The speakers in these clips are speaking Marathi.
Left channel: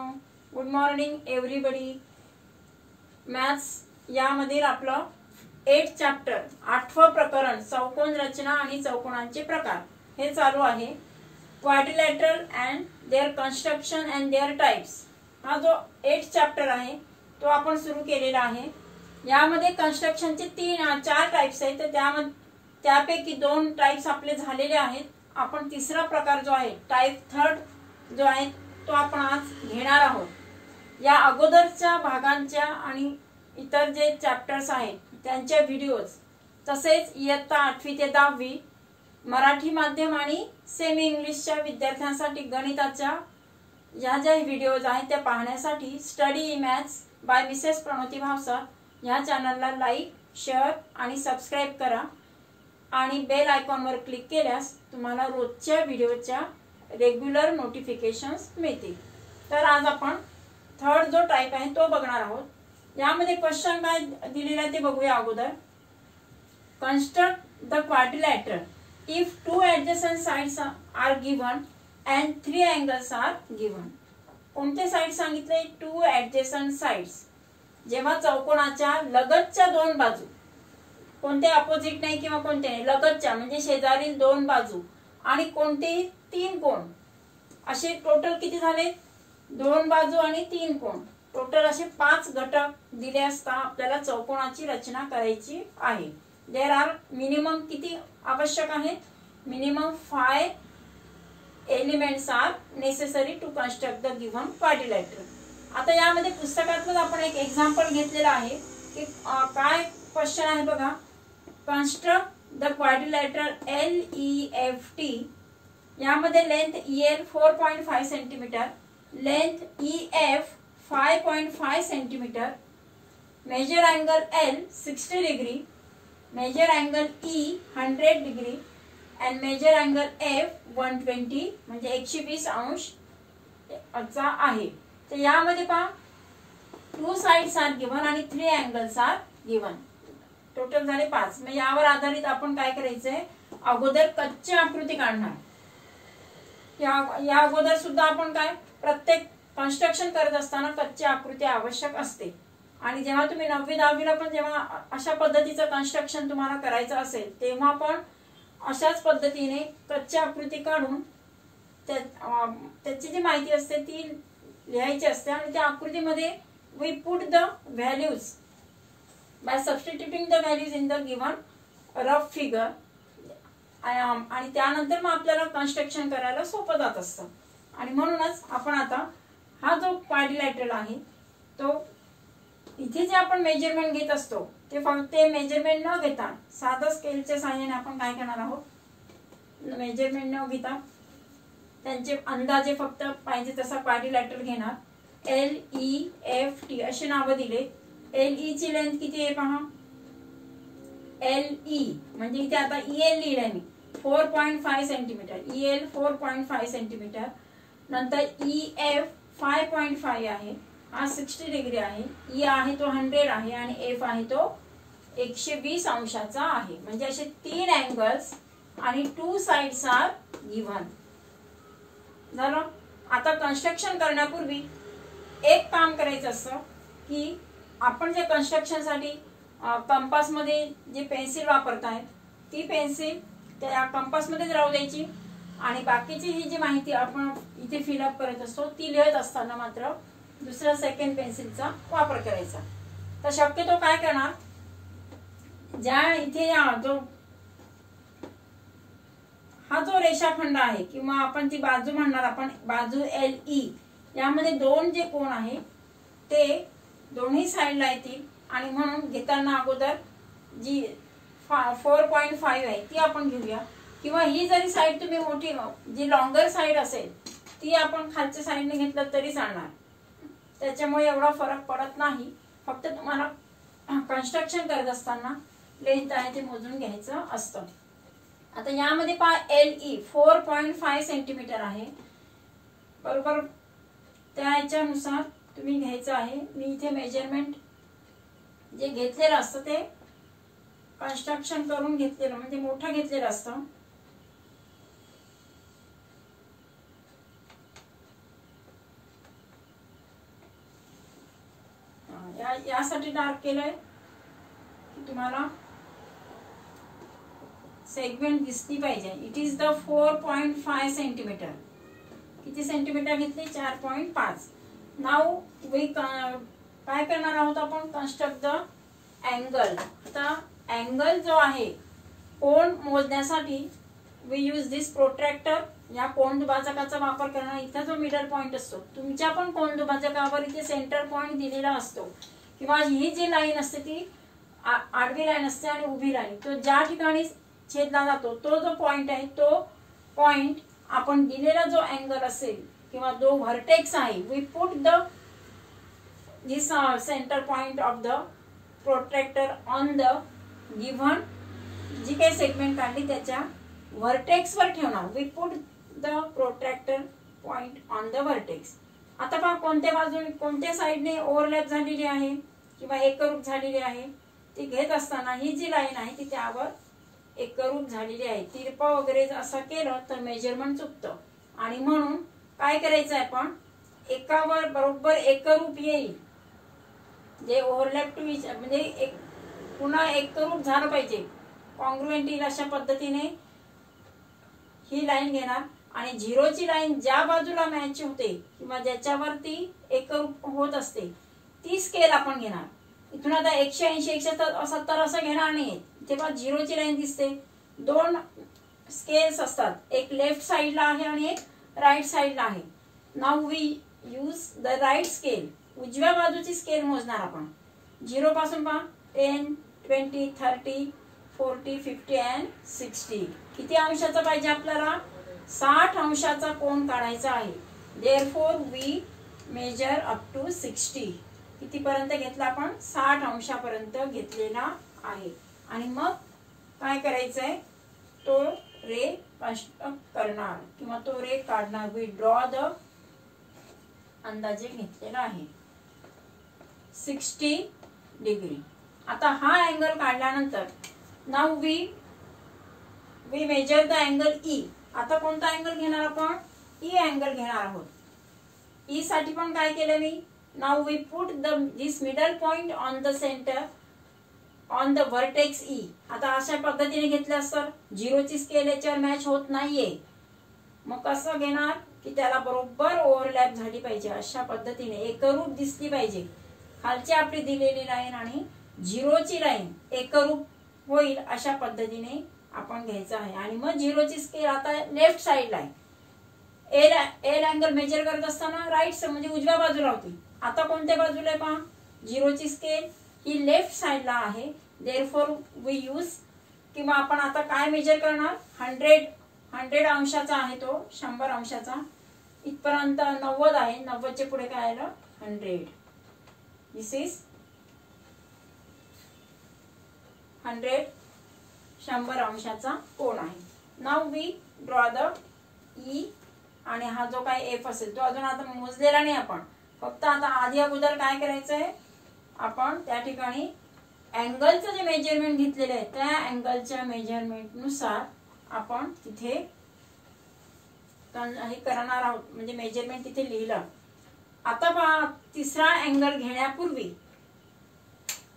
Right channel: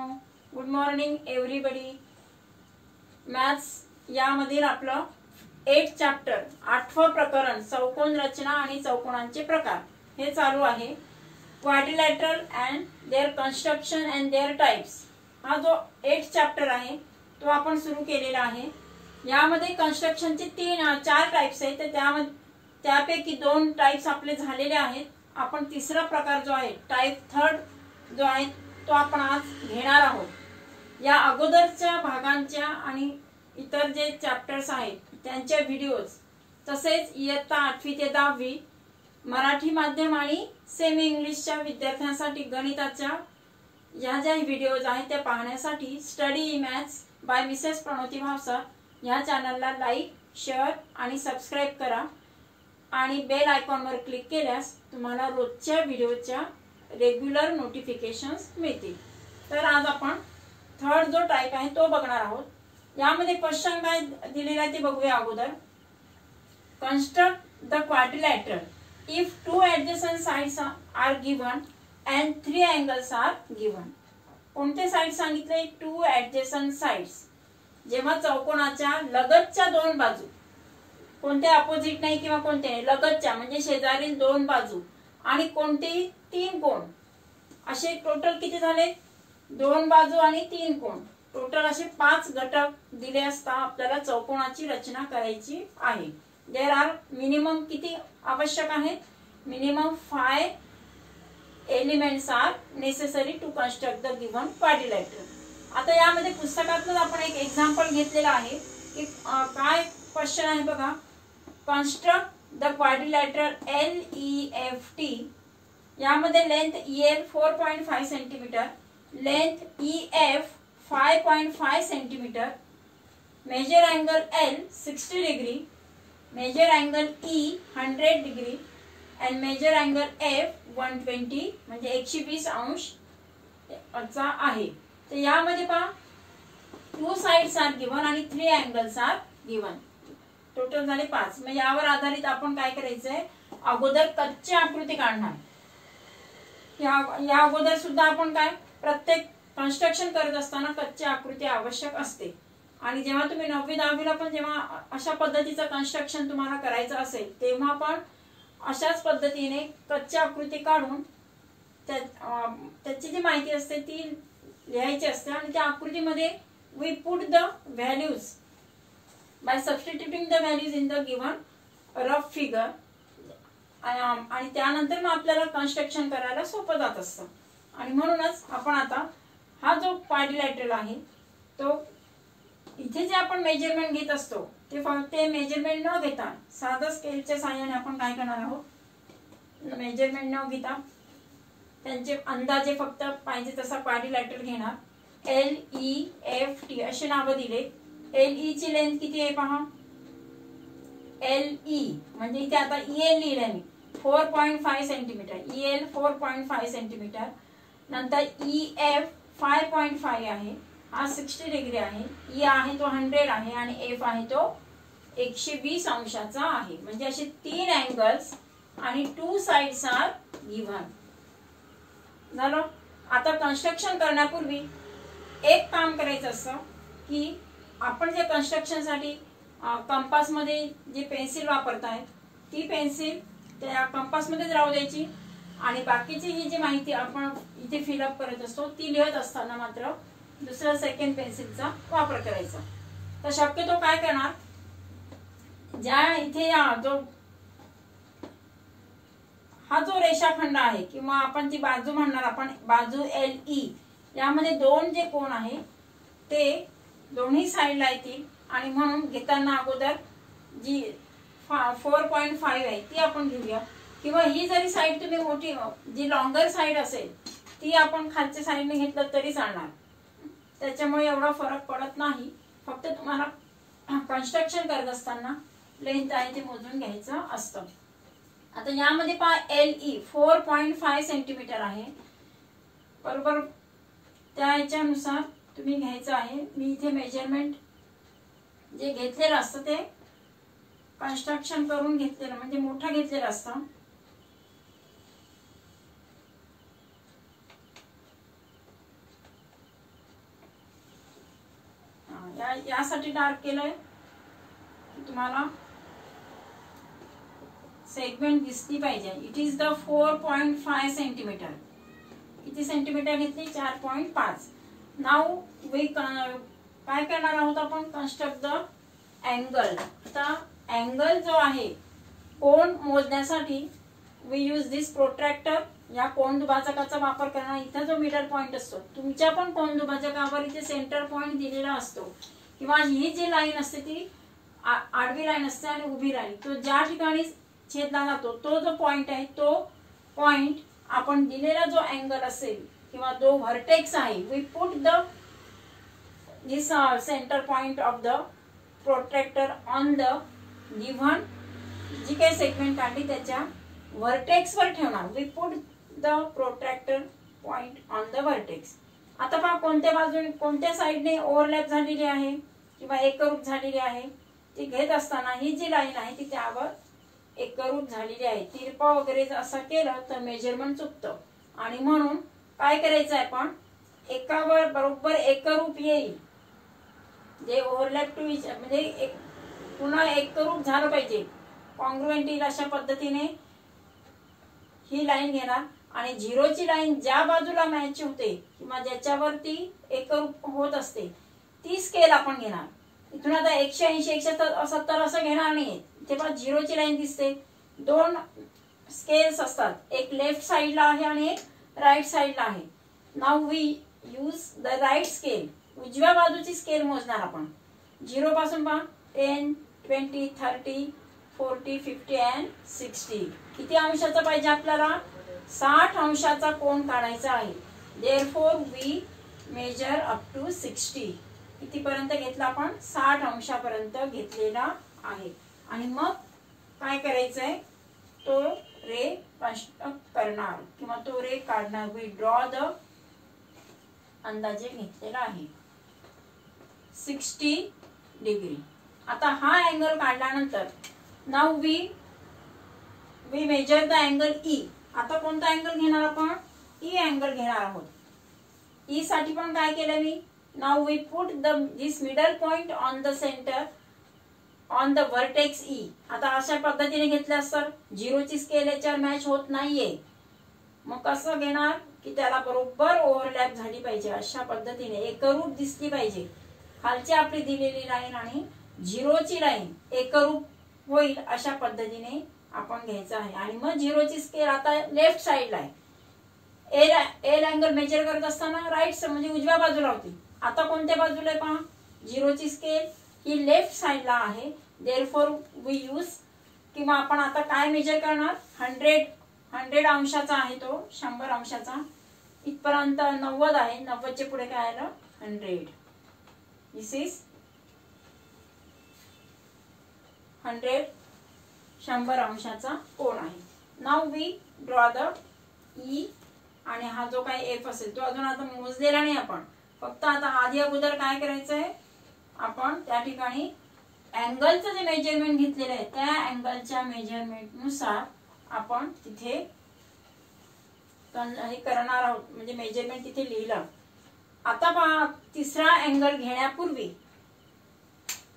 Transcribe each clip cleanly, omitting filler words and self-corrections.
मित्रांनो, गुड मॉर्निंग एव्हरीबडी। मॅथ्स यामधील आपलं 8 चॅप्टर 8वं प्रकरण चौकोन रचना आणि चौकोनांचे प्रकार हे चालू आहे। Quadrilateral and their construction and their types हा जो 8 चॅप्टर आहे तो आपण सुरू केलेला आहे। यामध्ये कन्स्ट्रक्शनचे 4 टाइप्स आहेत, तर त्यापैकी 2 टाइप्स आपले झालेले आहेत। आपण तिसरा प्रकार जो आहे टाइप 3 जो आहे तो आपण आज घेणार आहोत। या अगोदरच्या भागांच्या आणि इतर जे चॅप्टर्स आहेत त्यांच्या व्हिडिओज तसेच इयत्ता 8वी ते 10वी मराठी माध्यम आणि सेमी इंग्लिशच्या विद्यार्थ्यांसाठी गणिताच्या या ज्या व्हिडिओज आहेत त्या पाहण्यासाठी study maths by Mrs Pranoti Bhavsar या चॅनलला लाईक, शेअर आणि सबस्क्राइब करा आणि बेल आयकॉनवर क्लिक केल्यास तुम्हाला रोजच्या व्हिडिओच्या रेग्युलर नोटिफिकेशन्स मिळतील। तर आज आपण थर्ड जो टाइप आहे तो बघणार आहोत। यामध्ये क्वेश्चन काय दिलेला आहे ते बघूया अगोदर। Construct the quadrilateral if 2 adjacent sides are given and 3 angles are given. कोणते साइड सांगितले? 2 ऍडजसंट साइड्स। जेव्हा चौकोनाच्या लगतच्या 2 बाजू, कोणते अपोजिट नाही किंवा कोणते नाही, लगतच्या म्हणजे शेजारील 2 बाजू आणि कोणतेही 3 कोण, असे टोटल किती झाले? 2 बाजू आणि 3 कोण, टोटल असे 5 घटक दिले असता आपल्याला चौकोनाची रचना करायची आहे। देयर आर मिनिमम किती आवश्यक आहेत? Minimum 5 elements are necessary to construct the given quadrilateral. आता यामध्ये पुस्तकातून आपण एक एक्झाम्पल घेतलेला आहे की काय क्वेश्चन आहे बघा। Construct the quadrilateral LEFT। यामध्ये length EL 4.5 centimetre, length EF 5.5 centimetre, measure angle L 60 degree, measure angle E 100 degree and measure angle F 120 म्हणजे 120 अंश असा आहे। तर यामध्ये पहा 2 साइड्स आर गिवन आणि 3 अँगल्स आर गिवन, टोटल झाले 5। मग यावर आधारित आपण काय करायचंय, अगोदर कच्ची आकृती काढणार। या अगोदर सुद्धा आपण काय प्रत्येक कन्स्ट्रक्शन करत असताना कच्ची आकृती आवश्यक असते आणि जेव्हा तुम्ही 9वी 10वीला पण जेव्हा अशा पद्धतीचं कन्स्ट्रक्शन तुम्हाला करायचं असेल तेव्हा पण अशाच पद्धतीने कच्ची आकृती काढून त्याची जी माहिती असते ती लिहायची असते आणि त्या आकृतीमध्ये we put the values by substituting the values in the given rough figure आणि त्यानंतर मग आपल्याला कन्स्ट्रक्शन करायला सोपं जात असतं। आणि म्हणूनच आपण आता हा जो क्वाड्रिलॅटरल आहे तो इथे जे आपण मेजरमेंट घेत असतो ते फक्त मेजरमेंट न घेता साधा स्केलच्या सहाय्याने आपण काय करणार आहोत, मेजरमेंट न घेता त्यांचे अंदाजे फक्त पाहिजे तसा क्वाड्रिलॅटरल घेणार। LEFT असे नाव दिले। LE ची लेंथ किती आहे पहा, LE म्हणजे इथे आता EL लिहिलंय मी 4.5 सेंटीमीटर, EL 4.5 सेंटीमीटर, नंतर EF 5.5 आहे, हा 60 डिग्री आहे, E आहे तो 100 आहे आणि F आहे तो 120 अंशाचा आहे। म्हणजे असे 3 अँगल्स आणि 2 साइड्स आर गिवन झालं। आता कन्स्ट्रक्शन करण्यापूर्वी एक काम करायचं असतं की आपण जे कन्स्ट्रक्शन साठी कंपास मध्ये जे पेन्सिल वापरतायत ती पेन्सिल त्या कंपास मध्येच राहू द्यायची आणि बाकीची ही जी माहिती आपण इथे फिलअप करत असतो ती लिहत असताना मात्र दुसऱ्या सेकंड पेन्सिलचा वापर करायचा। तर शक्यतो काय करणार, ज्या इथे हा जो रेषाखंड आहे किंवा आपण ती बाजू म्हणणार, आपण बाजू LE यामध्ये 2 जे कोण आहे ते दोन्ही साइडला येतील आणि म्हणून घेताना अगोदर जी 4.5 आहे ती आपण घेऊया किंवा ही जरी साइड तुम्ही मोठी जी लॉंगर साइड असेल ती आपण खालच्या साइडने घेतलं तरी चालणार, त्याच्यामुळे एवढा फरक पडत नाही। फक्त तुम्हाला कन्स्ट्रक्शन करत असताना लेंथ आहे ते मोजून घ्यायचं असतं। आता यामध्ये पहा LE 4.5 सेंटीमीटर आहे, बरोबर त्या याच्यानुसार तुम्ही घ्यायचं आहे। मी इथे मेजरमेंट जे घेतलेलं असतं ते कन्स्ट्रक्शन करून घेतलेलं म्हणजे मोठं घेतलेलं असतं। यासाठी डार्क केलंय की तुम्हाला सेगमेंट दिसली पाहिजे. It is the 4.5 centimetre. किती सेंटीमीटर घेतली? 4.5. नाव वी काय करणार आहोत आपण? Construct the angle. आता अँगल जो आहे कोण मोजण्यासाठी वी यूज दिस प्रोट्रॅक्टर. या कोण दुभाजकाचा वापर करणार. इथं जो मिडल पॉइंट असतो तुमच्या पण कोण दुभाजकावर इथे सेंटर पॉइंट दिलेला असतो किंवा ही जी लाईन असते ती आडवी लाईन असते आणि उभी लाईन. तो ज्या ठिकाणी छेदला जातो तो जो पॉइंट आहे तो पॉइंट आपण दिलेला जो अँगल असेल किंवा जो व्हर्टेक्स आहे we put the this centre point of the protractor on the given जी काही सेगमेंट काढली त्याच्या व्हर्टेक्स वर ठेवणार. We put the protractor point on the vertex. आता पहा कोणत्या बाजूने कोणत्या साइडने ओव्हरलॅप झालेली आहे किंवा एकरूप झालेली आहे ती घेत असताना ही जी लाईन आहे ती त्यावर एकरूप झालेली आहे. तिरपा वगैरे असं केलं तर मेजरमेंट चुकतं आणि म्हणून काय करायचं आहे आपण एकावर बरोबर एकरूप येईल जे ओव्हरलॅप टू म्हणजे एक पुन्हा एकरूप झालं पाहिजे. कॉन्ग्रुएंट येईल अशा पद्धतीने ही लाईन घेणार आणि झिरोची लाईन ज्या बाजूला मॅच होते किंवा ज्याच्यावरती एकरूप होत असते ती स्केल आपण घेणार. इथून आता 180 170 असं घेणार नाही. तेव्हा झिरोची लाईन दिसते. दोन स्केल्स असतात, एक लेफ्ट साइडला आहे आणि एक राईट साइडला आहे. Now we use the right scale. उजव्या बाजूची स्केल मोजणार आपण. 0 पासून पहा 10 20 30 40 50 अँड 60. किती अंशाचा पाहिजे आपल्याला? 60 अंशाचा कोन काढायचा आहे. Therefore we measure up to 60. कितीपर्यंत घेतला आपण? 60 अंशापर्यंत घेतलेला आहे. आणि मग काय करायचंय तो रे कन्स्ट्रक्ट करणार किंवा तो रे काढणार. वी ड्रॉ द अंदाजे घेतलेला आहे 60 डिग्री. आता हा अँगल काढल्यानंतर now we measure the angle E. आता कोणता अँगल घेणार आपण? ई अँगल घेणार आहोत. ई साठी पण काय केलं मी? Now we put this middle point on the centre on the vertex E. आता अशा पद्धतीने घेतल्यास तर झिरोची स्केल याच्यावर मॅच होत नाहीये. मग कसं घेणार की त्याला बरोबर ओव्हरलॅप झाली पाहिजे अशा पद्धतीने एकरूप दिसली पाहिजे. खालची आपली दिलेली लाईन आणि झिरोची लाईन एकरूप होईल अशा पद्धतीने आपण घ्यायचं आहे. आणि मग झिरोची स्केल आता लेफ्ट साइडला आहे. एल अँगल मेजर करत असताना राईट म्हणजे उजव्या बाजूला होती. आता कोणत्या बाजूला आहे पहा? झिरोची स्केल ही लेफ्ट साइडला आहे. देअरफॉर वी यूज किंवा आपण आता काय मेजर करणार? 100 अंशाचा आहे तो 100 अंशाचा. इथपर्यंत 90 आहे. 90 चे पुढे काय आलं? 100. दिस इज 100 100 अंशाचा कोन आहे. Now we draw the E. आणि हा जो काय एफ असेल तो अजून आता मोजलेला नाही आपण. फक्त आता आधी अगोदर काय करायचंय आपण त्या ठिकाणी अँगलचं जे मेजरमेंट घेतलेलं आहे त्या अँगलच्या मेजरमेंट नुसार आपण तिथे हे करणार आहोत. म्हणजे मेजरमेंट तिथे लिहिलं. आता पहा तिसरा अँगल घेण्यापूर्वी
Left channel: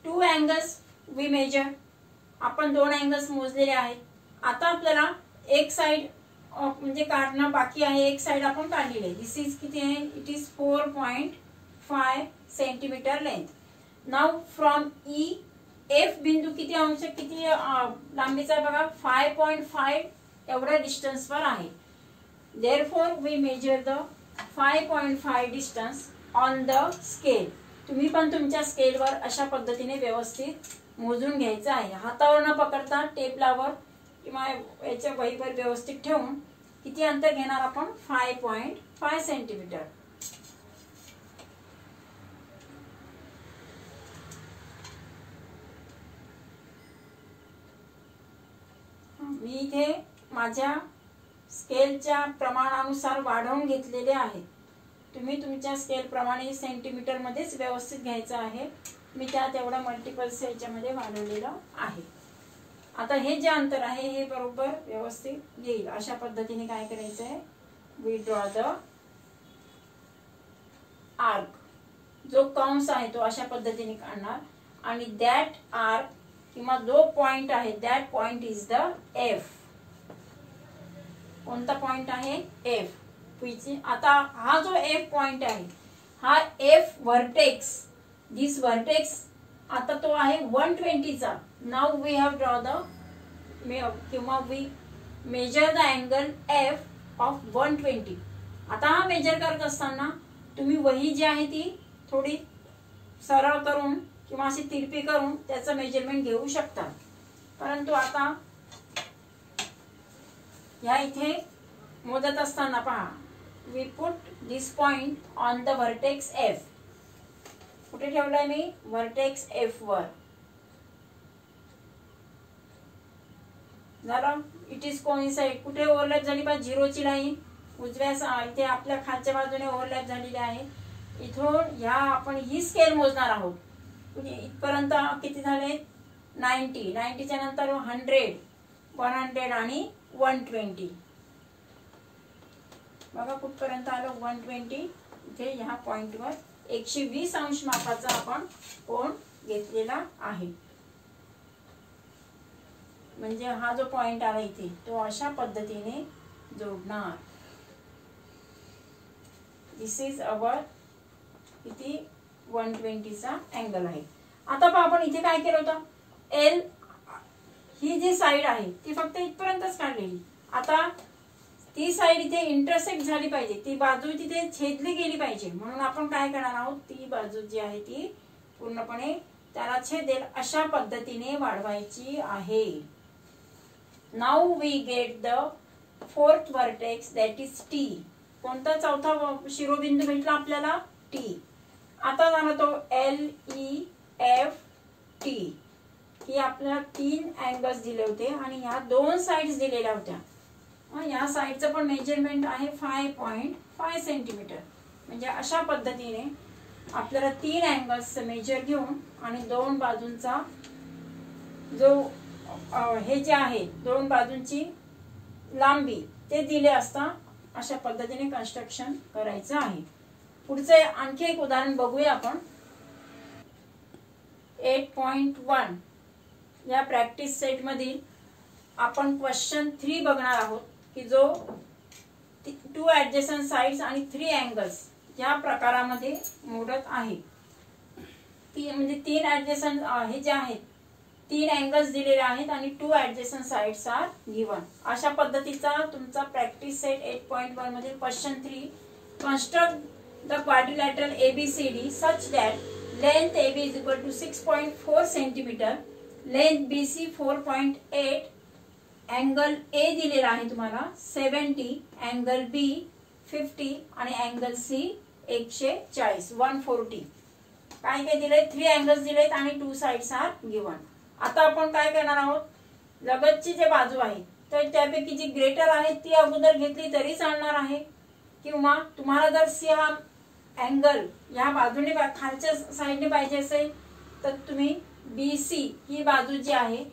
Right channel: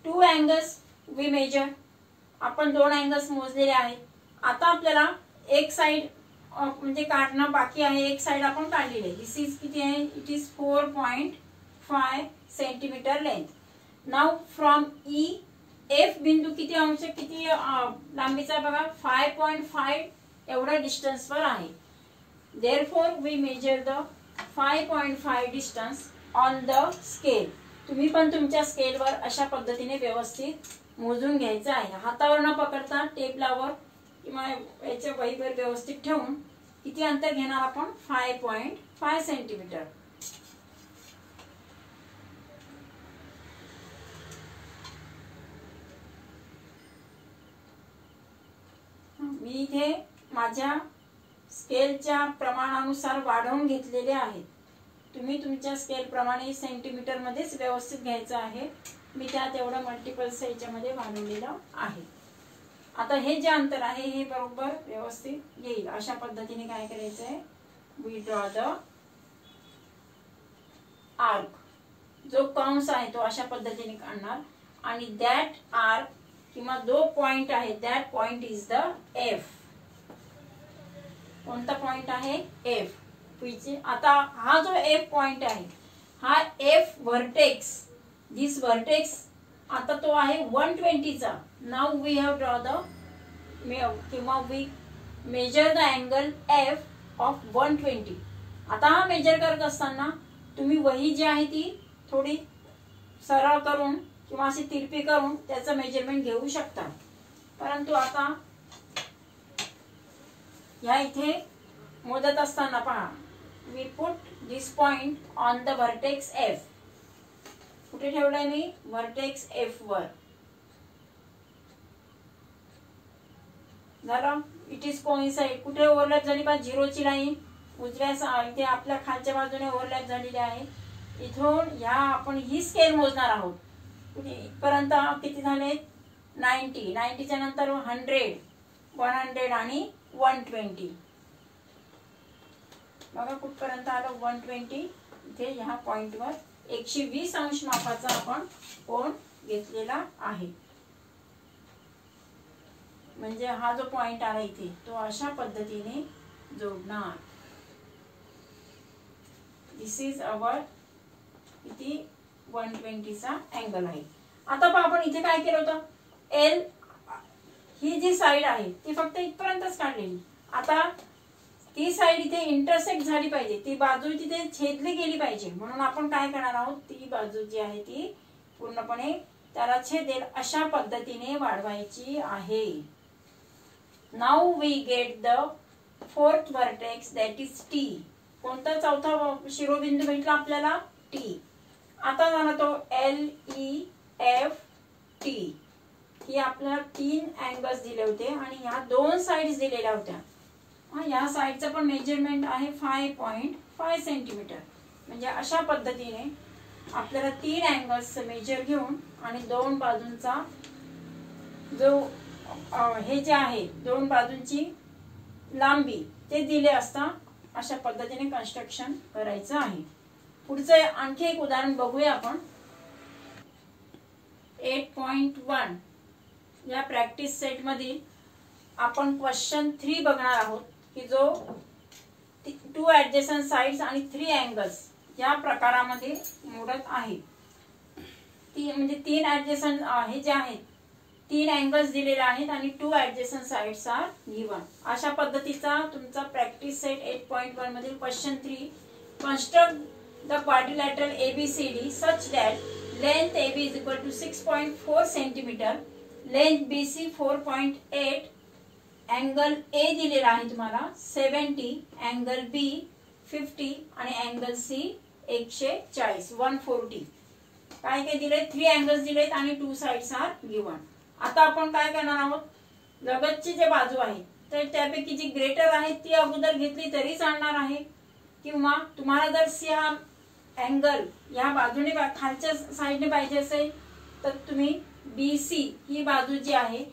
2 अँगल्स वी मेजर. आपण 2 अँगल्स मोजलेले आहेत. आता आपल्याला एक साइड म्हणजे काढणं बाकी आहे. एक साइड आपण काढलेली आहे. दिस इज किती आहे? It is 4.5 centimetre length. Now from E F बिंदू किती अंश किती लांबीचा बघा 5.5 एवढ्या डिस्टन्स वर आहे. Therefore we measure the 5.5 distance on the scale. तुम्ही पण तुमच्या स्केलवर अशा पद्धतीने व्यवस्थित मोजून घ्यायचं आहे. हातावर न पकडता टेबलावर किंवा याच्या वहीवर व्यवस्थित ठेवून किती अंतर घेणार आपण? 5.5 सेंटीमीटर. मी इथे माझ्या स्केलच्या प्रमाणानुसार वाढवून घेतलेले आहे. तुम्ही तुमच्या स्केल प्रमाणे सेंटीमीटर मध्येच व्यवस्थित घ्यायचं आहे. मी त्यात एवढा मल्टिपल्स याच्यामध्ये वाढवलेलं आहे. आता हे जे अंतर आहे हे बरोबर व्यवस्थित येईल अशा पद्धतीने काय करायचं आहे? We draw the arc. जो कंस आहे तो अशा पद्धतीने काढणार आणि दॅट आर्क किंवा जो पॉइंट आहे that point is the F. कोणता पॉइंट आहे? एफ. आता हा जो एफ पॉइंट आहे हा एफ व्हर्टेक्स, दिस व्हर्टेक्स आता तो आहे 120 चा. Now we have draw the किंवा we measure the angle F of 120. आता हा मेजर करत असताना तुम्ही वही जी आहे ती थोडी सरळ करून किंवा अशी तिरपी करून त्याचं मेजरमेंट घेऊ शकता. परंतु आता या इथे मोजत असताना पहा, we put this point on the vertex F. कुठे ठेवलाय मी? व्हर्टेक्स एफ वर. झालं. It is coincide. कुठे ओव्हरलॅप झाली पहा? झिरोची लाईन उजव्या इथे आपल्या खालच्या बाजूने ओव्हरलॅप झालेली आहे. इथून ह्या आपण ही स्केल मोजणार आहोत. इथपर्यंत किती झाले? 90. 90च्या नंतर 100, 100 आणि 120. बघा कुठपर्यंत आलो? 120. इथे ह्या पॉइंटवर 120 अंश मापाचा आपण कोन घेतलेला आहे. म्हणजे हा जो पॉइंट आला इथे तो अशा पद्धतीने जोडणार. दिस इज अवर किती 120 चा अँगल आहे. आता पहा आपण इथे काय केलं होतं? एल ही जी साइड आहे ती फक्त इथपर्यंतच काढलेली. आता ती साइड इथे इंटरसेक्ट झाली पाहिजे, ती बाजू तिथे छेदली गेली पाहिजे. म्हणून आपण काय करणार आहोत? ती बाजू जी आहे ती पूर्णपणे त्याला छेदेल अशा पद्धतीने वाढवायची आहे. Now we get the fourth vertex that is T. कोणता चौथा शिरोबिंदू भेटला आपल्याला? टी. आता झाला तो LEF T. ही आपल्याला 3 अँगल्स दिले होते आणि ह्या 2 साइड्स दिलेल्या होत्या. या साइडचं पण मेजरमेंट आहे 5.5 सेंटीमीटर. म्हणजे अशा पद्धतीने आपल्याला 3 अँगल्स मेजर घेऊन आणि 2 बाजूंचा जो हे जे आहे 2 बाजूंची लांबी ते दिले असता अशा पद्धतीने कन्स्ट्रक्शन करायचं आहे. पुढचं आणखी एक उदाहरण बघूया आपण. 8.1 या प्रॅक्टिस सेट मधील आपण क्वेश्चन 3 बघणार आहोत की जो 2 ऍडजस्टंट साइड्स आणि 3 अँगल्स या प्रकारामध्ये मोडत आहे. म्हणजे 3 ऍडजस्टंट हे जे आहेत 3 अँगल्स दिलेले आहेत आणि 2 ऍडजस्टंट साइड्स आर गिवन. अशा पद्धतीचा तुमचा प्रॅक्टिस सेट 8.1 मधील question 3. Construct the quadrilateral ABCD such that length AB is equal to 6.4 centimetre, length BC 4.8, angle A दिलेला आहे तुम्हाला 70, अँगल B 50 आणि अँगल C 140 140. काय काय दिले? 3 अँगल्स दिलेत आणि 2 साइड्स आर गिवन. आता आपण काय करणार आहोत? लगतची जे बाजू आहे तर त्यापैकी जी ग्रेटर आहे ती अगोदर घेतली तरी चालणार आहे, किंवा तुम्हाला जर सी हा अँगल या बाजूने खालच्या साइडने पाहिजे असेल तर तुम्ही BC ही बाजू जी आहे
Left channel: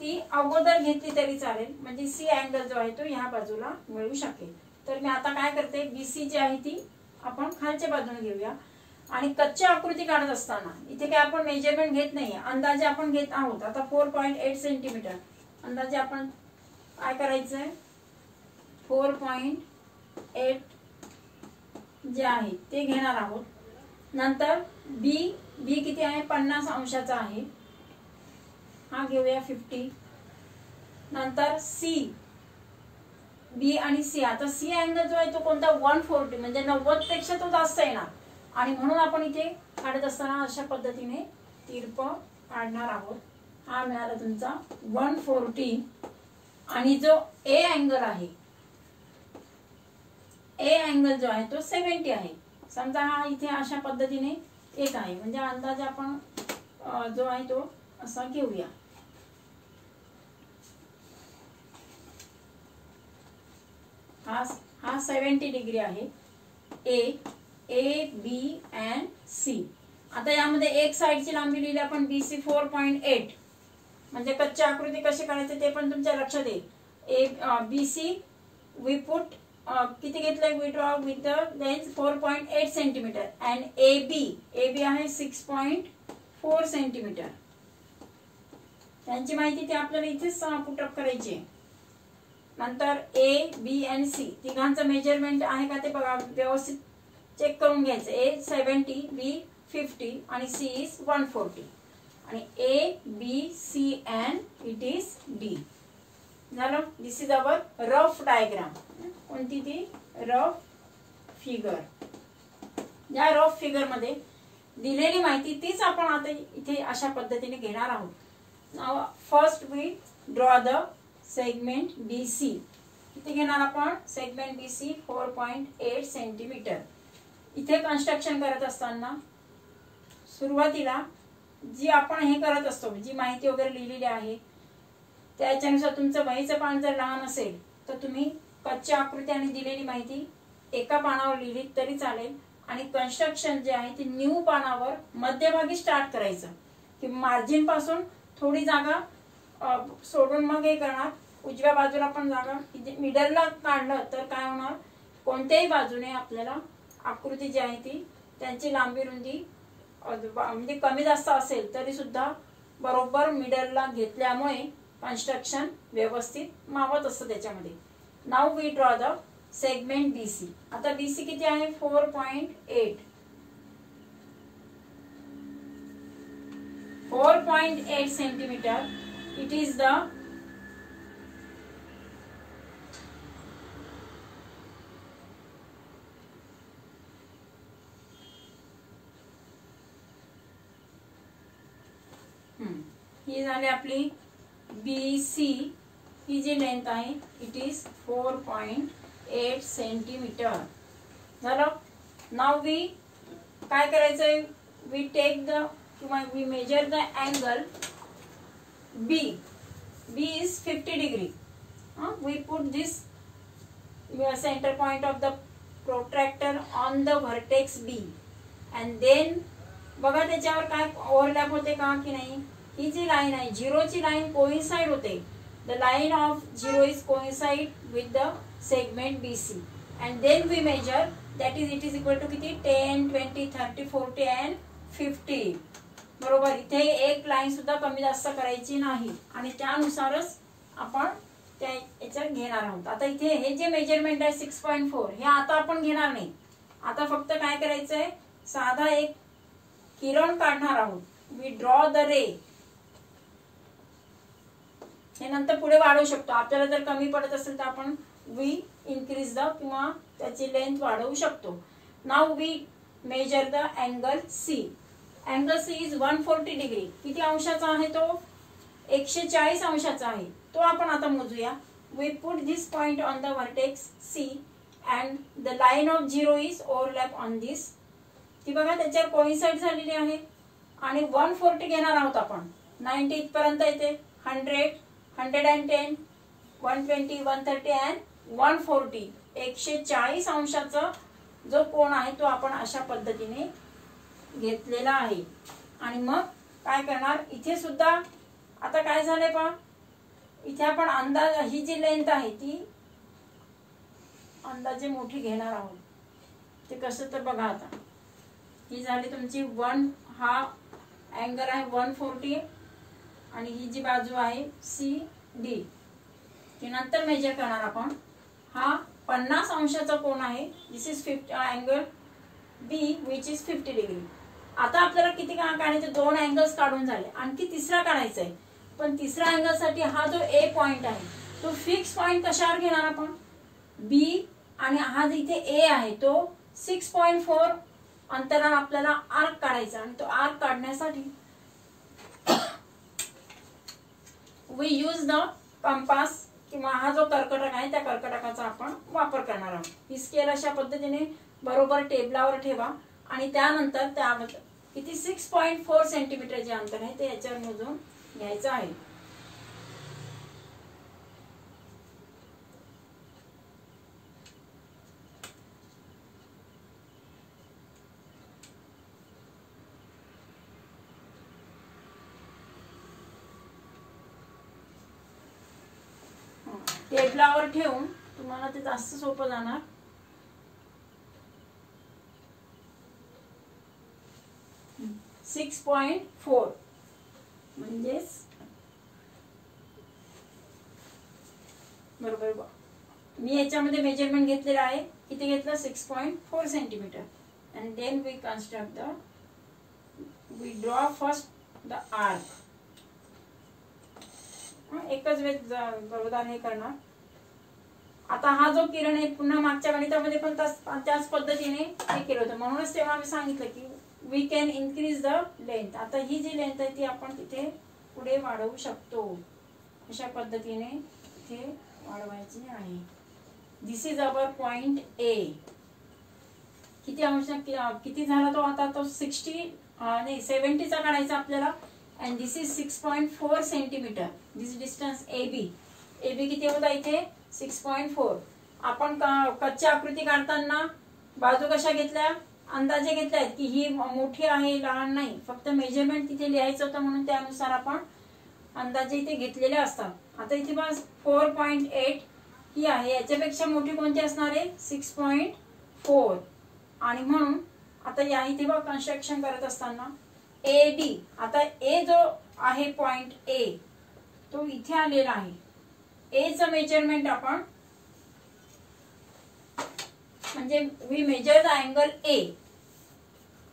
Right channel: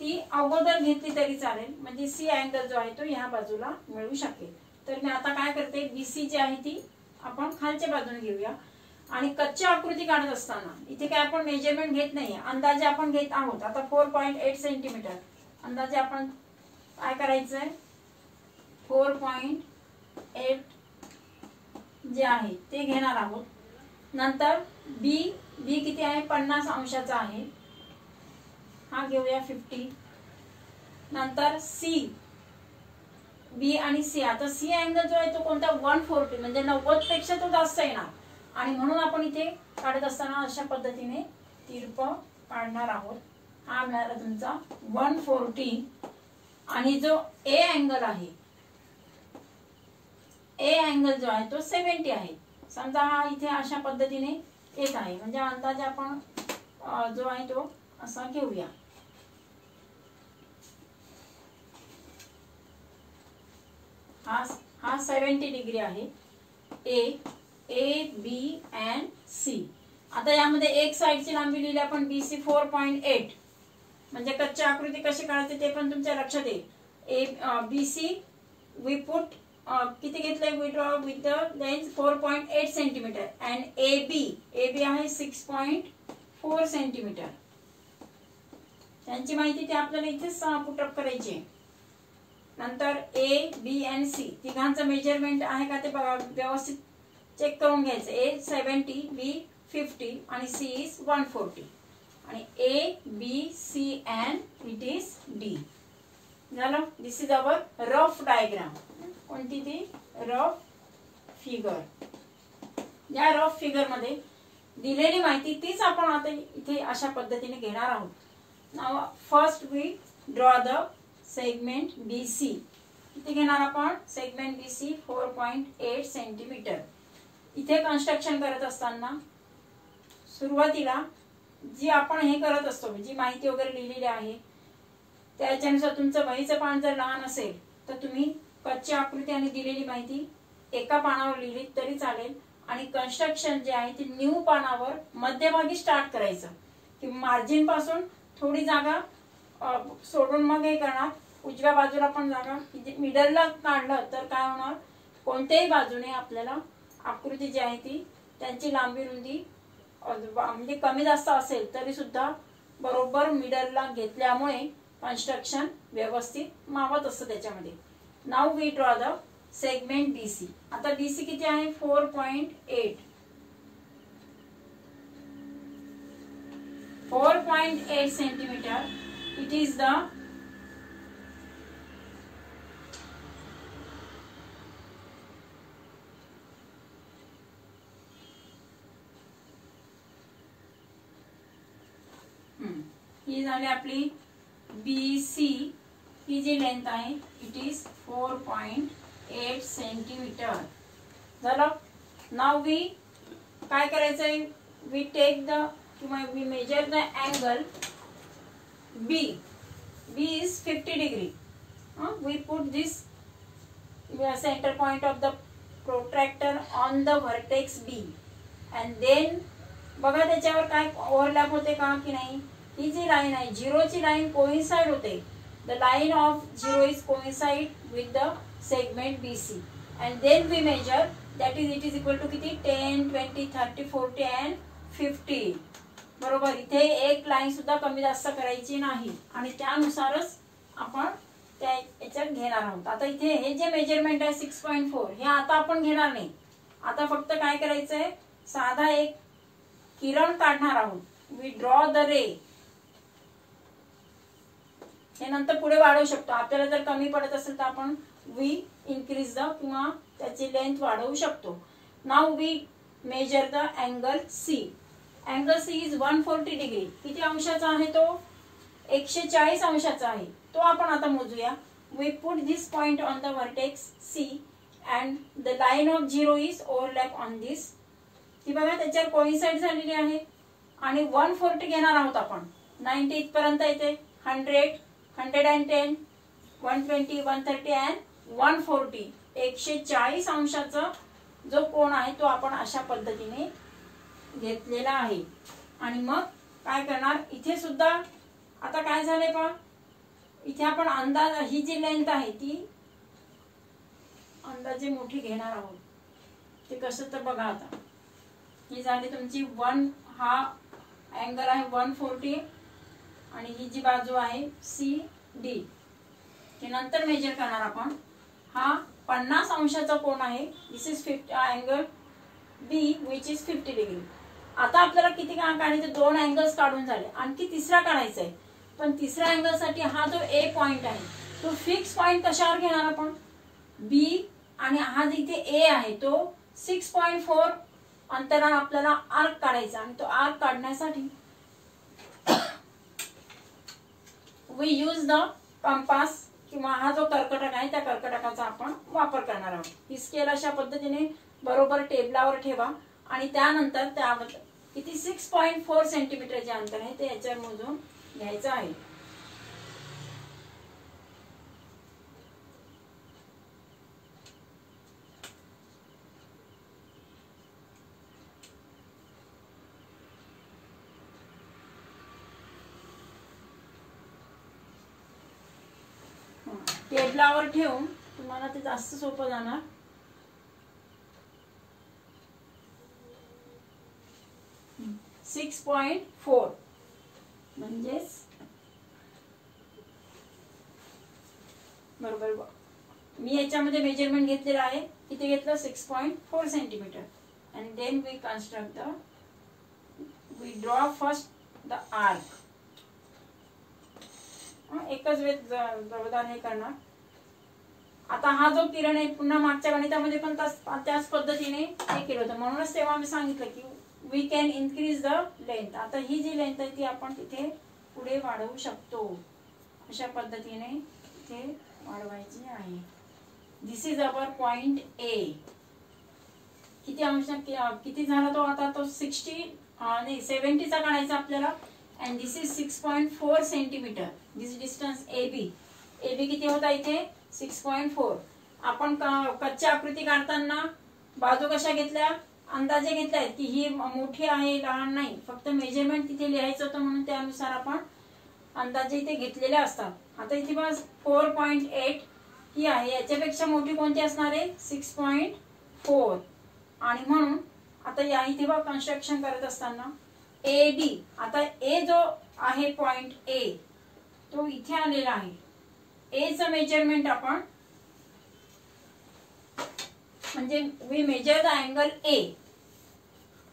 ती अगोदर घेतली तरी चालेल. म्हणजे सी अँगल जो आहे तो ह्या बाजूला मिळू शकेल. तर मी आता काय करते? BC जी आहे ती आपण खालच्या बाजूने घेऊया. आणि कच्ची आकृती काढत असताना इथे काय आपण मेजरमेंट घेत नाही, अंदाजे आपण घेत आहोत. आता 4.8 सेंटीमीटर अंदाजे आपण काय करायचंय? 4.8 जे आहे ते घेणार आहोत. नंतर बी किती आहे? 50 अंशाचा आहे, हा घेऊया 50. नंतर सी, बी आणि सी. आता सी अँगल जो आहे तो कोणता? 140, म्हणजे 90 पेक्षा तो जास्त येणार. आणि म्हणून आपण इथे काढत असताना अशा पद्धतीने तिरप काढणार आहोत. हा मिळाला तुमचा 140. आणि जो ए अँगल आहे, ए अँगल जो आहे तो 70 आहे. समजा हा इथे अशा पद्धतीने येत आहे, म्हणजे अंदाजे आपण जो आहे तो असा घेऊया. हा 70 डिग्री आहे. A B and C. आता यामध्ये एक साइडची लांबी लिहिली आपण BC 4.8. म्हणजे कच्ची आकृती कशी काढायची ते पण तुमच्या लक्षात येईल. BC वी पुट किती घेतलंय we draw with the length 4.8 centimetre and A B आहे 6.4 सेंटीमीटर. त्यांची माहिती ती आपल्याला इथेच पुटअप करायची आहे. नंतर ए बी अँड सी तिघांचं मेजरमेंट आहे का ते बघा, व्यवस्थित चेक करून घ्यायचं. ए 70, बी 50 आणि सी इज 140 आणि A B C and it is D. झालं. This is our rough diagram. कोणती ती रफ फिगर. या रफ फिगर मध्ये दिलेली माहिती तीच आपण आता इथे अशा पद्धतीने घेणार आहोत. Now first we draw the segment BC. किती घेणार आपण सेगमेंट BC 4.8 सेंटीमीटर. इथे कन्स्ट्रक्शन करत असताना सुरुवातीला जी आपण हे करत असतो, जी माहिती वगैरे लिहिलेली आहे त्याच्यानुसार तुमचं वहीचं पान जर लहान असेल तर तुम्ही कच्ची आकृती आणि दिलेली माहिती एका पानावर लिहिली तरी चालेल. आणि कन्स्ट्रक्शन जे आहे ते न्यू पानावर मध्यभागी स्टार्ट करायचं की मार्जिन पासून थोडी जागा सोडून मग हे करणार. उजव्या बाजूला पण जागा मिडलला काढलं तर काय होणार, कोणत्याही बाजूने आपल्याला आकृती जी आहे ती त्यांची लांबी रुंदी म्हणजे कमी जास्त असेल तरी सुद्धा बरोबर मिडलला घेतल्यामुळे कन्स्ट्रक्शन व्यवस्थित मावत असतं त्याच्यामध्ये. Now we draw the segment BC. आता BC किती आहे 4.8. 4.8 सेंटीमीटर. इट इज द ही झाली आपली BC. ही जी लेंथ आहे इट इज 4.8 सेंटीमीटर. झालं. नाउ वी काय करायचंय, we take the we measure the angle B. B is 50 degree. We put this center point of the protractor on the vertex B and then बघा त्याच्यावर काय ओव्हरलॅप होते का की नाही. ही जी लाईन आहे झिरोची लाईन कोइन्साइड होते. The line of zero is coincide with the segment BC and then we measure that is it is equal to किती 10, 20, 30, 40 and 50. बरोबर. इथे एक लाईन सुद्धा कमी जास्त करायची नाही आणि त्यानुसारच आपण त्या याच्यात घेणार आहोत. आता इथे हे जे मेजरमेंट आहे 6.4 हे आता आपण घेणार नाही. आता फक्त काय करायचंय, साधा एक किरण काढणार आहोत. We draw the ray. हे नंतर पुढे वाढवू शकतो. आपल्याला जर कमी पडत असेल तर आपण वी इन्क्रीज द किंवा त्याची लेंथ वाढवू शकतो. Now we measure the angle C. Angle C is 140 degree. किती अंशाचा आहे तो 140 अंशाचा आहे. तो आपण आता मोजूया. We put this point on the vertex C and the line of zero is overlap on this. ती बघा त्याच्यावर कोइन्साइड झालेली आहे आणि 140 घेणार आहोत आपण. 90 इथपर्यंत येते. 100, 110, 120, 130 अँड 140. 140 अंशाचा जो कोण आहे तो आपण अशा पद्धतीने घेतलेला आहे. आणि मग काय करणार, इथे सुद्धा आता काय झालंय पहा, इथे आपण अंदाज ही जी लेंथ आहे ती अंदाजे मोठी घेणार आहोत. ते कसं तर बघा. आता ही झाली तुमची 1. हा अँगल आहे 140 आणि ही जी बाजू आहे CD ते नंतर मेजर करणार आपण. हा 50 अंशाचा कोन आहे. This is 50 angle B which is 50 degree. आता आपल्याला किती काढायचे, 2 अँगल्स काढून झाले. आणखी तिसरा काढायचा आहे. पण तिसऱ्या अँगल साठी हा जो A पॉइंट आहे तो फिक्स पॉइंट कशावर घेणार आपण B आणि हा जो इथे A आहे तो 6.4 अंतरावर आपल्याला आर्क काढायचा. आणि तो आर्क काढण्यासाठी वी यूज द कंपास किंवा हा जो कर्कटक आहे त्या कर्कटकाचा आपण वापर करणार आहोत. ही स्केल अशा पद्धतीने बरोबर टेबलावर ठेवा आणि त्यानंतर त्यावर किती 6.4 सेंटीमीटर जे अंतर आहे ते याच्यावर मोजून घ्यायचं आहे. टेबलावर ठेवून तुम्हाला ते जास्त सोपं जाणार. .4 म्हणजेच बरोबर. मी याच्यामध्ये मेजरमेंट घेतलेलं आहे. किती घेतलं? 6.4 centimetre. And then we construct the, we draw first the arc. एकच वेळ जोरदार हे करणार. आता हा जो किरण आहे पुन्हा मागच्या गणितामध्ये पण त्याच पद्धतीने हे केलं होतं. म्हणूनच तेव्हा मी सांगितलं की we can increase the length. आता ही जी लेंथ आहे ती आपण तिथे पुढे वाढवू शकतो. अशा पद्धतीने इथे वाढवायची आहे. This is our point A. किती अंश किती झाला तो? आता तो 70चा काढायचा आपल्याला. And this is 6.4 centimetre. This distance A B. A B किती होता इथे? 6.4. आपण कच्ची आकृती काढताना बाजू कशा घेतल्या? अंदाजे घेतल्यात की ही मोठी आहे लहान नाही. फक्त मेजरमेंट तिथे लिहायचं होतं म्हणून त्यानुसार आपण अंदाजे इथे घेतलेले असतात. आता इथे बस 4.8 ही आहे. याच्यापेक्षा मोठी कोणती असणार आहे? 6.4. आणि म्हणून आता या इथे बघ कन्स्ट्रक्शन करत असताना ए डी. आता ए जो आहे पॉइंट ए तो इथे आलेला आहे. ए चं मेजरमेंट आपण म्हणजे we measure the angle A.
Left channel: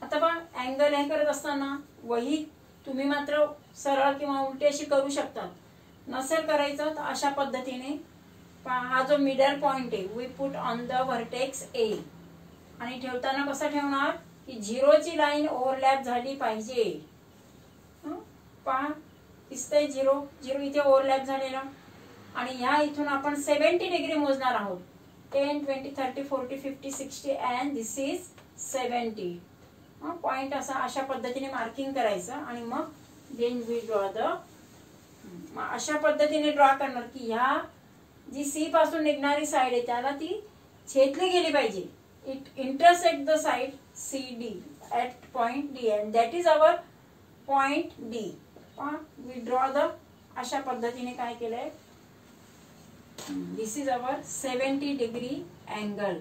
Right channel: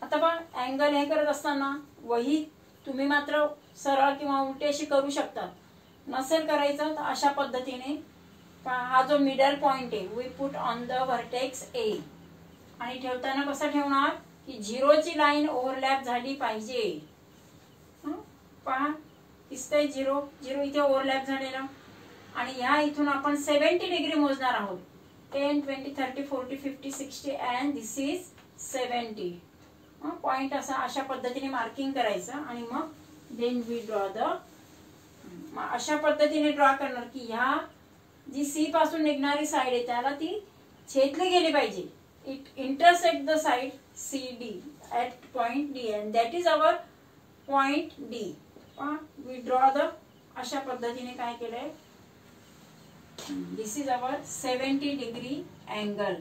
आता बघ अँगल हे करत असताना वही तुम्ही मात्र सरळ किंवा उलटी अशी करू शकता. नसेल करायचं तर अशा पद्धतीने हा जो मिडल पॉइंट आहे we put on the vertex A. आणि ठेवताना कसं ठेवणार की 0ची लाईन ओव्हरलॅप झाली पाहिजे. पहा दिसतंय 0 0 इथे ओव्हरलॅप झालेला. आणि ह्या इथून आपण 70 डिग्री मोजणार आहोत. 10, 20, 30, 40, 50, 60 अँड दिस इज 70. पॉइंट अशा पद्धतीने मार्किंग करायचं. आणि मग देन वी ड्रॉ द, अशा पद्धतीने ड्रॉ करणार की ह्या जी सी पासून निघणारी साइड आहे त्याला ती छेदली गेली पाहिजे. It intersect the side C D at point D and that is our point D. We draw the, अशा पद्धतीने काय केलंय? This is our 70 degree angle.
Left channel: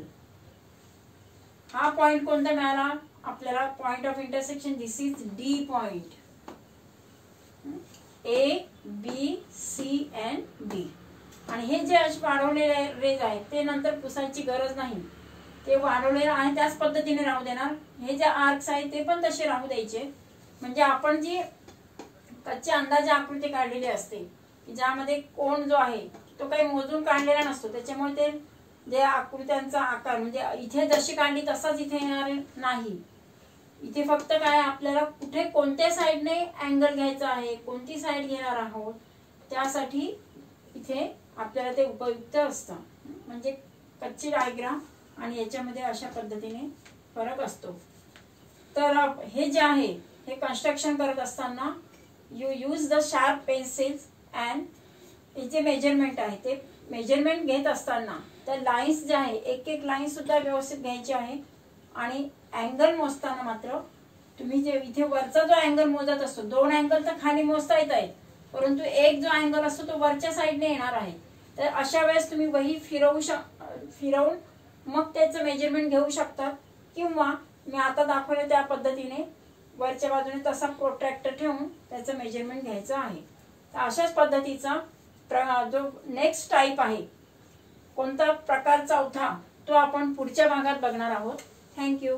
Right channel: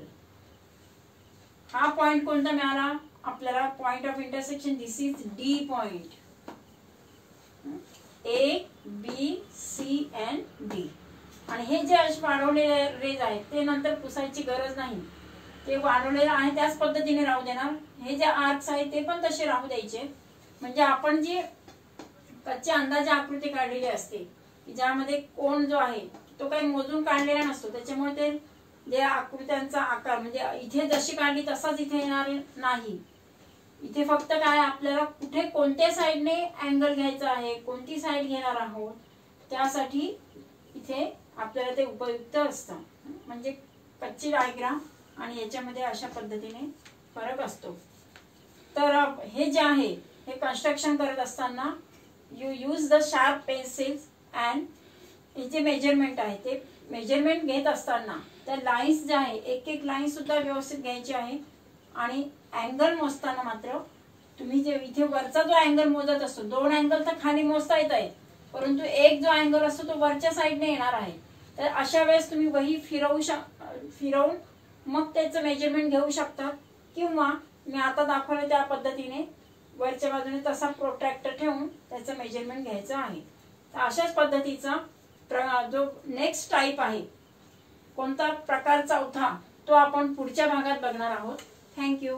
हा पॉइंट कोणता मिळाला आपल्याला? Point of intersection. This is D point. A B C and D. आणि हे जे वाढवलेले रेज आहेत ते नंतर पुसायची गरज नाही. ते वाढवलेले आहे त्याच पद्धतीने राहू देणार. हे जे आर्क्स आहेत ते पण तसे राहू द्यायचे. म्हणजे आपण जी कच्ची अंदाजे आकृती काढलेली असते ज्यामध्ये कोण जो आहे तो काही मोजून काढलेला नसतो. त्याच्यामुळे ते जे आकृत्यांचा आकार म्हणजे इथे जशी काढली तसाच इथे येणार नाही. इथे फक्त काय आपल्याला कुठे कोणत्या साइडने अँगल घ्यायचा आहे, कोणती साइड घेणार आहोत त्यासाठी इथे आपल्याला ते उपयुक्त असतं. म्हणजे कच्ची डायग्राम आणि याच्यामध्ये अशा पद्धतीने फरक असतो. तर हे जे आहे हे कन्स्ट्रक्शन करत असताना you use the sharp pencils and हे जे मेजरमेंट आहे ते मेजरमेंट घेत असताना त्या लाईन्स ज्या आहे एक एक लाईन सुद्धा व्यवस्थित घ्यायची आहे. आणि अँगल मोजताना मात्र तुम्ही जे इथे वरचा जो अँगल मोजत असतो, 2 अँगल तर खाली मोजता येत आहे परंतु एक जो अँगल असतो तो वरच्या साईडने येणार आहे. तर अशा वेळेस तुम्ही वही फिरवून मग त्याचं मेजरमेंट घेऊ शकतात. किंवा मी आता दाखवलं त्या पद्धतीने वरच्या बाजूने तसा प्रोट्रॅक्टर ठेवून त्याचं मेजरमेंट घ्यायचं आहे. तर अशाच पद्धतीचा जो नेक्स्ट टाइप आहे कोणता प्रकार चौथा तो आपण पुढच्या भागात बघणार आहोत. थँक्यू.